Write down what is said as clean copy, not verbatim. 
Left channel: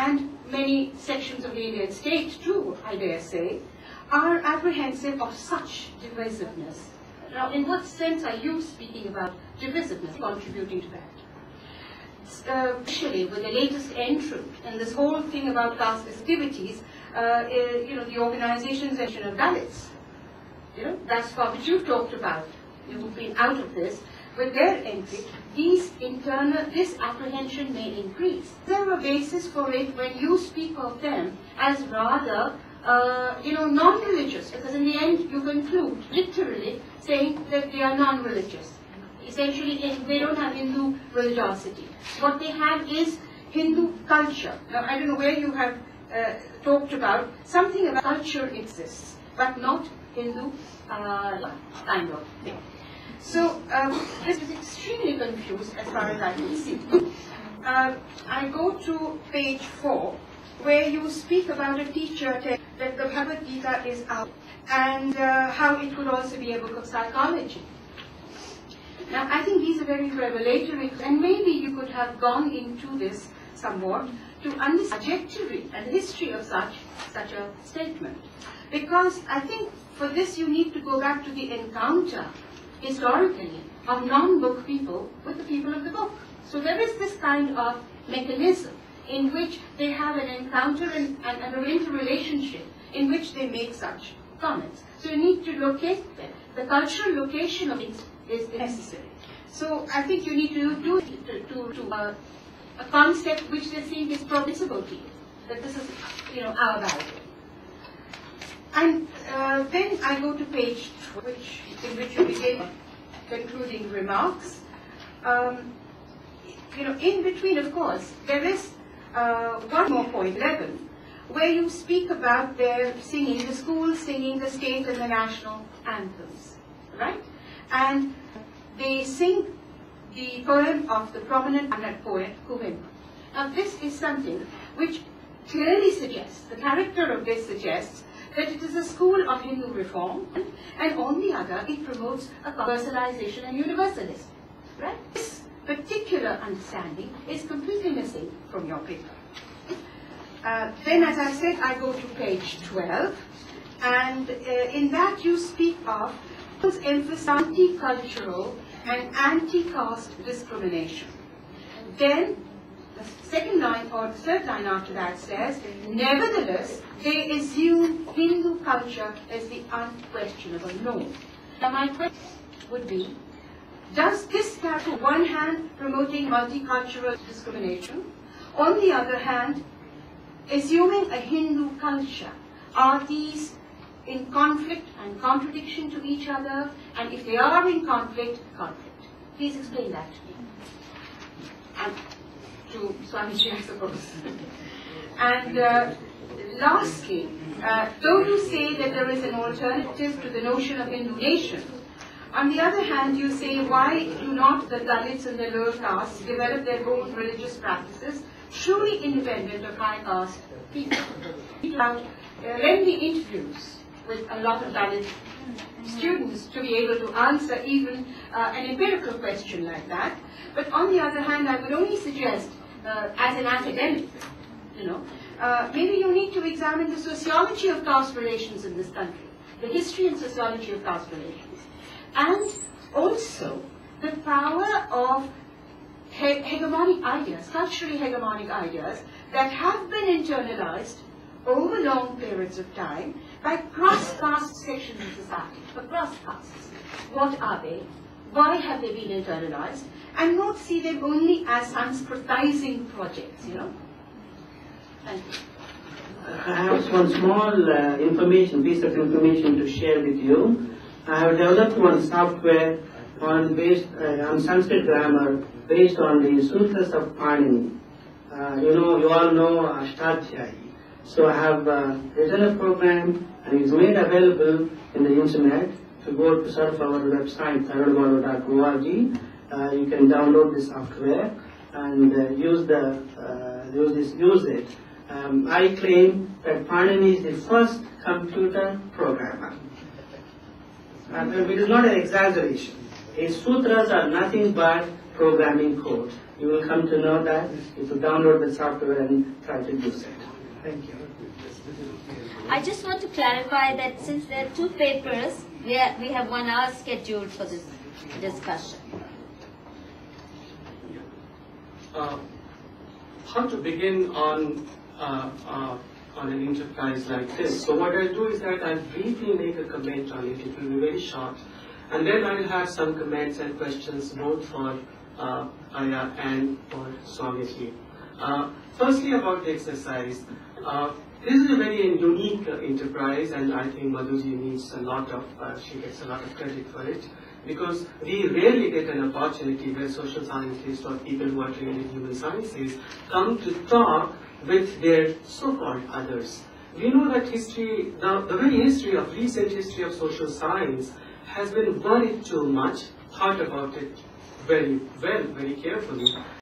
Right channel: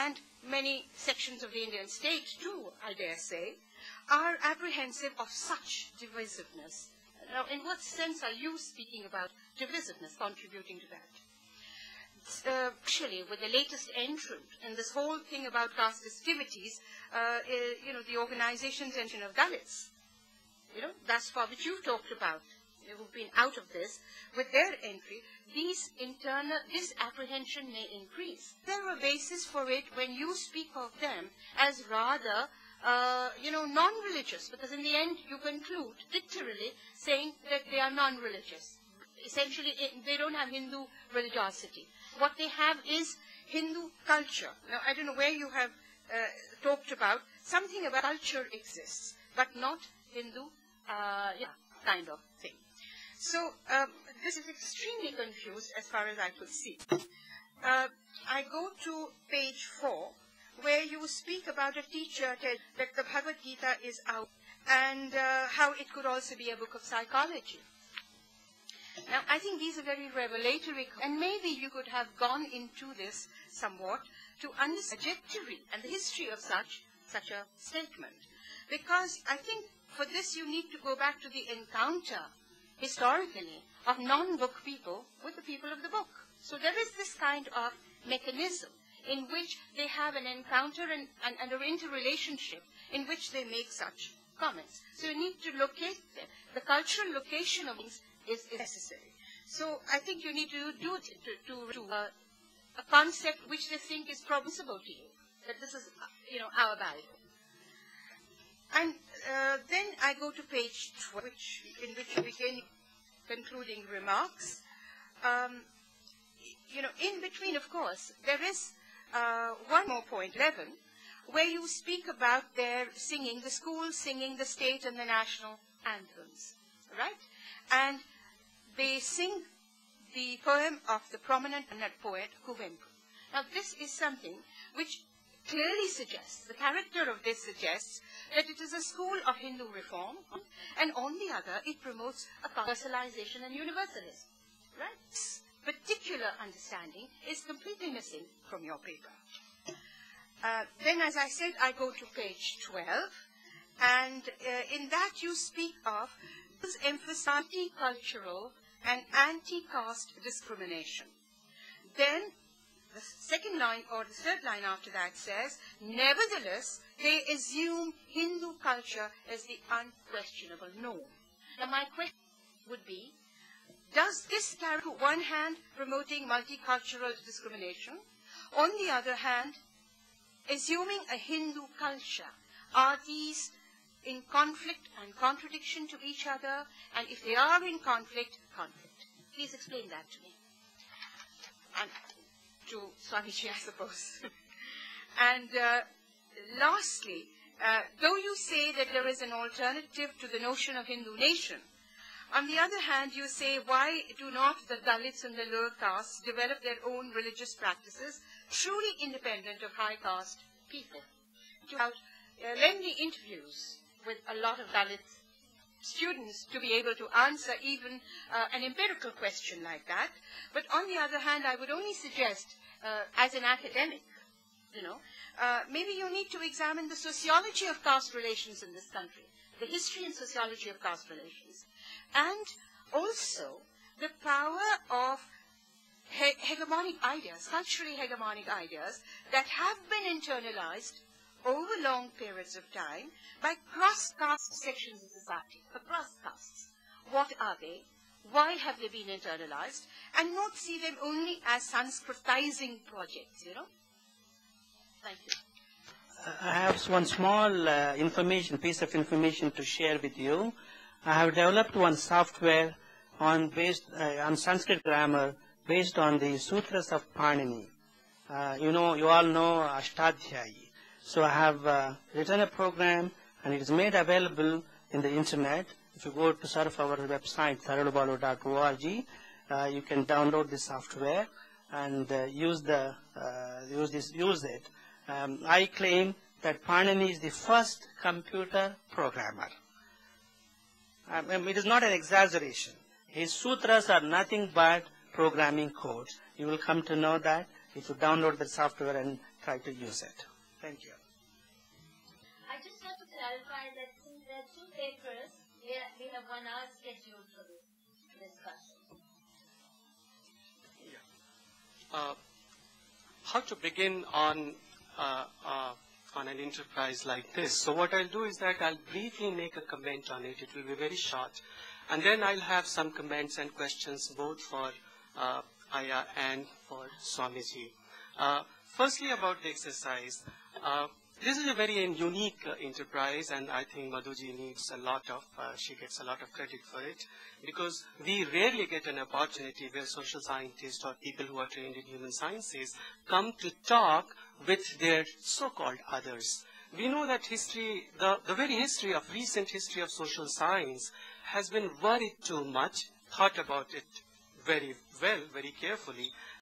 and many sections of the Indian state too, I dare say, are apprehensive of such divisiveness. Now, in what sense are you speaking about divisiveness, contributing to that? Especially with the latest entrant and this whole thing about class festivities, the organizations of Dalits, that's what you've talked about, who've been out of this, with their entry, this apprehension may increase. There are basis for it when you speak of them as rather, non-religious, because in the end you conclude literally saying that they are non-religious. Essentially, they don't have Hindu religiosity. What they have is Hindu culture. Now, I don't know where you have talked about something about culture exists, but not Hindu kind of thing. So, this is extremely confused as far as I can see. I go to page 4, where you speak about a teacher that the Bhagavad Gita is out, and how it could also be a book of psychology. Now, I think these are very revelatory, and maybe you could have gone into this somewhat to understand the trajectory and history of such a statement. Because I think for this you need to go back to the encounter, historically, of non-book people with the people of the book. So there is this kind of mechanism in which they have an encounter and an interrelationship in which they make such comments. So you need to locate them. The cultural location of it is necessary. So I think you need to do it to a concept which they think is permissible to you, that this is, our value. And then I go to page 12, in which you begin concluding remarks. In between, of course, there is one more point, 11, where you speak about their singing, the schools singing the state and the national anthems, right? And they sing the poem of the prominent poet Kuvempu. Now, this is something which clearly suggests, the character of this suggests, that it is a school of Hindu reform, and on the other, it promotes a commercialization and universalism, right? This particular understanding is completely missing from your paper. Then, as I said, I go to page 12, and in that you speak of emphasis on anti-cultural and anti-caste discrimination. Then, the second line or the third line after that says, nevertheless, they assume Hindu culture as the unquestionable norm. Now, my question would be, does this have, on one hand, promoting multicultural discrimination, on the other hand, assuming a Hindu culture, are these in conflict and contradiction to each other? And if they are in conflict. Please explain that to me. And to Swamiji, I suppose. And lastly, though you say that there is an alternative to the notion of Hindu nation, on the other hand, you say, why do not the Dalits and the lower castes develop their own religious practices, truly independent of high caste people? We have lengthy interviews with a lot of Dalit students to be able to answer even an empirical question like that. But on the other hand, I would only suggest, as an academic, maybe you need to examine the sociology of caste relations in this country, the history and sociology of caste relations, and also the power of hegemonic ideas, culturally hegemonic ideas, that have been internalized over long periods of time by cross-caste sections of society, across castes. What are they? Why have they been internalized? And not see them only as Sanskritizing projects, Thank you. I have one small piece of information to share with you. I have developed one software based on Sanskrit grammar based on the sutras of Panini. You all know Ashtadhyayi. So I have written a program, and it is made available in the internet. If you go to surf our website, tharudbalo.org, you can download this software and use it. I claim that Panini is the first computer programmer. It is not an exaggeration. His sutras are nothing but programming code. You will come to know that if you download the software and try to use it. Thank you. I just want to clarify that since there are two papers, we have 1 hour scheduled for this discussion. How to begin on an enterprise like this? So what I'll do is that I'll briefly make a comment on it. It will be very short, and then I'll have some comments and questions both for Aya and for Swamiji. Firstly, about the exercise. This is a very unique enterprise, and I think Madhuji needs a lot of, she gets a lot of credit for it, because we rarely get an opportunity where social scientists or people who are trained in human sciences come to talk with their so-called others. We know that history, the very recent history of social science has been worried too much, thought about it very well, very carefully,